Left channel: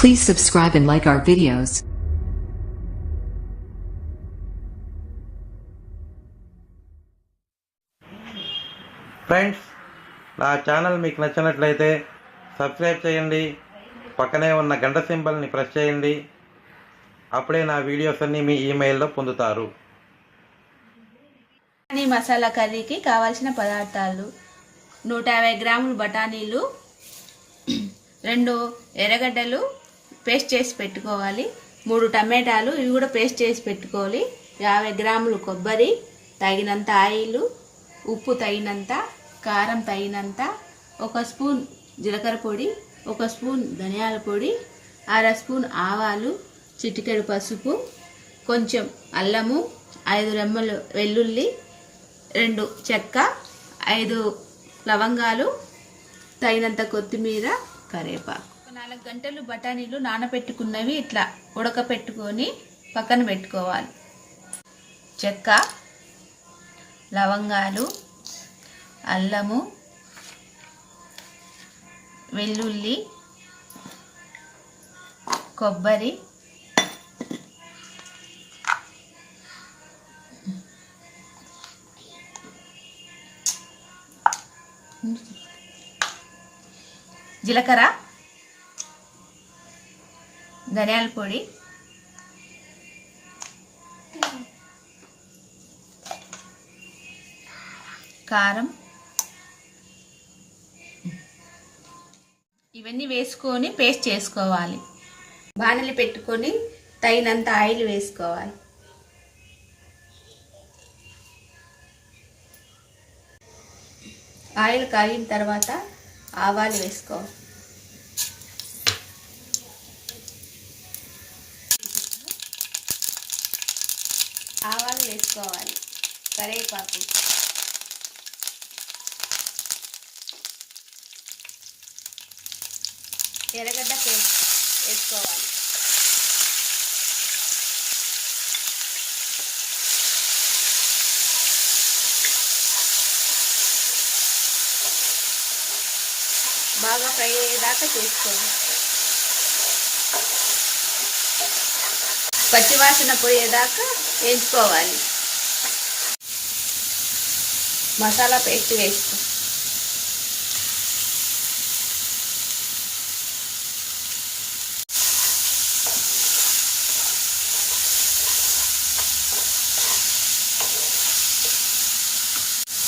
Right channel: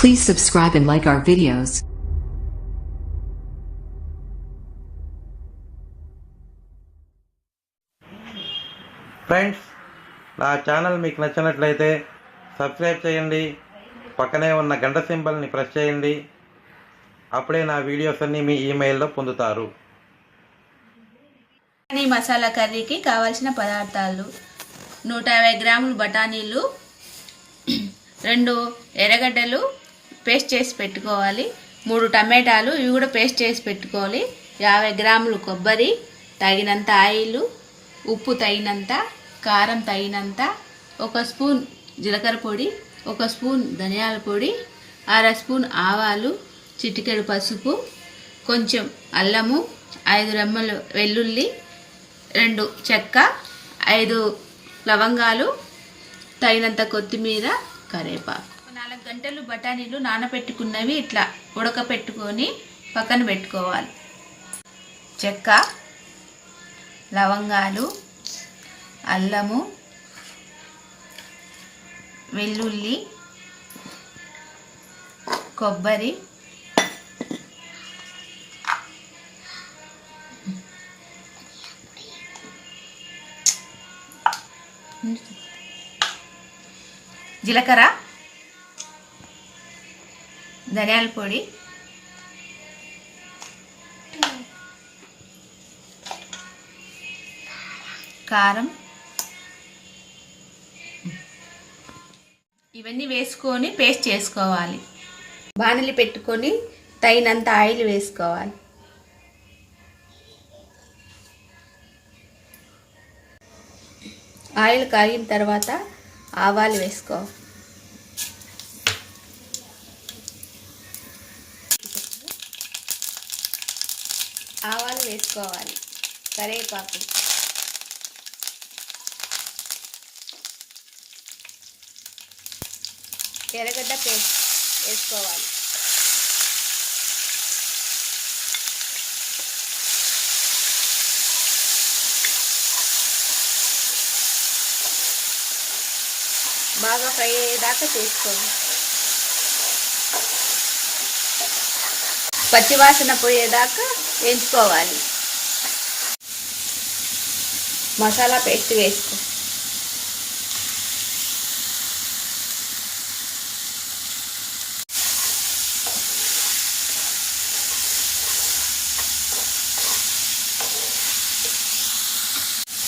Please subscribe and like our videos. Friends, నా channel మీకు నచ్చినట్లయితే సబ్స్క్రైబ్ చేయండి, పక్కనే ఉన్న గంట సింబల్ని ప్రెస్ చేయండి. అప్పుడే నా వీడియోస్ అన్నీ మీ ఈమెయిల్లో పొందుతారు. మసాలా కర్రీకి కావాల్సిన పదార్థాలు: 150 గ్రాములు బఠానీలు, 2 ఎర్రగడ్డలు పేస్ట్ చేసి పెట్టుకోవాలి, 3 టమాటాలు ఇవి కూడా పేస్ట్ చేసి పెట్టుకోవాలి, 50 గ్రాములు కొబ్బరి, తగినంత ఆయిల్, ఉప్పు తగినంత, కారం తగినంత, 1 స్పూన్ జీలకర్ర పొడి, 1 స్పూన్ ధనియాల పొడి, 1/2 స్పూన్ ఆవాలు, చిటికెడు పసుపు, కొంచెం అల్లము, 5 రెమ్మలు వెల్లుల్లి, 2 చెక్క, 5 లవంగాలు, తగినంత కొత్తిమీర, కరివేపాకు. 4 గంటలు బఠానీలు నానబెట్టుకున్నవి ఇట్లా ఉడకపెట్టుకొని పక్కన పెట్టుకోవాలి. చెక్క, లవంగాలు, అల్లము, వెల్లుల్లి, కొబ్బరి, జీలకర్ర, ధనియాల పొడి, కారం, ఇవన్నీ వేసుకొని పేస్ట్ చేసుకోవాలి. బాణలి పెట్టుకొని తగినంత ఆయిల్ వేసుకోవాలి. ఆయిల్ కాగిన తర్వాత ఆవాలు వేసుకోవాలి. ఆవాలు వేసుకోవాలి, కరివేపాకు, ఎర్రగడ్డ పేస్ట్ వేసుకోవాలి. బాగా ఫ్రై అయ్యేదాకా చేసుకోవాలి. పచ్చివాసన పోయేదాకా వేయించుకోవాలి. మసాలా పేస్ట్ వేసుకో.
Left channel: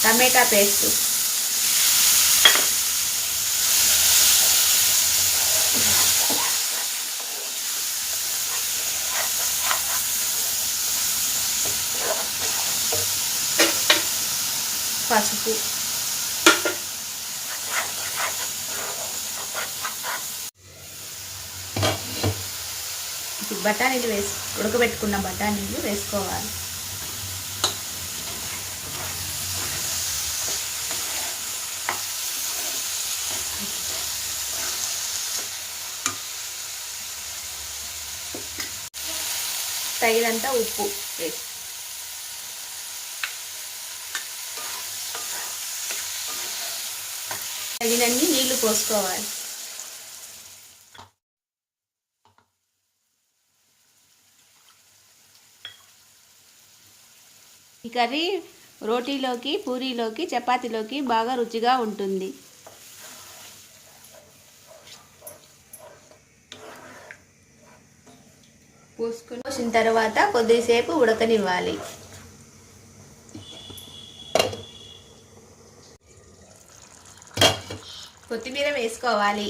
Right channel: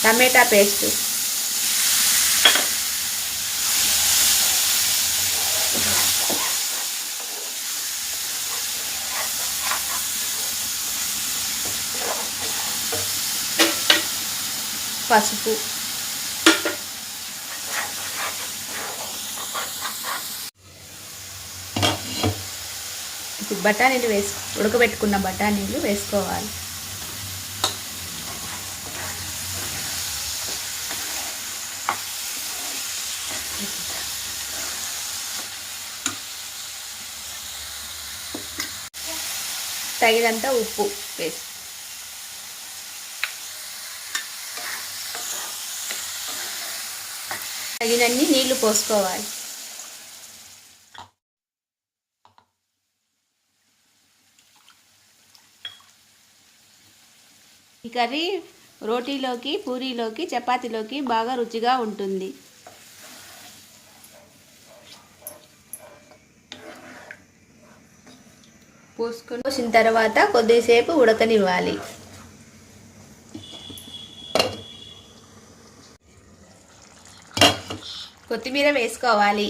టమాటా పేస్ట్, పసుపు, బఠానీలు ఉడకబెట్టుకున్న బఠానీలు వేసుకోవాలి. తగినంత ఉప్పు వేసి తగినన్ని నీళ్లు పోసుకోవాలి. ఈ కర్రీ రోటీలోకి, పూరీలోకి, చపాతీలోకి బాగా రుచిగా ఉంటుంది. పోసిన తర్వాత కొద్దిసేపు ఉడకనివ్వాలి. కొత్తిమీర వేసుకోవాలి.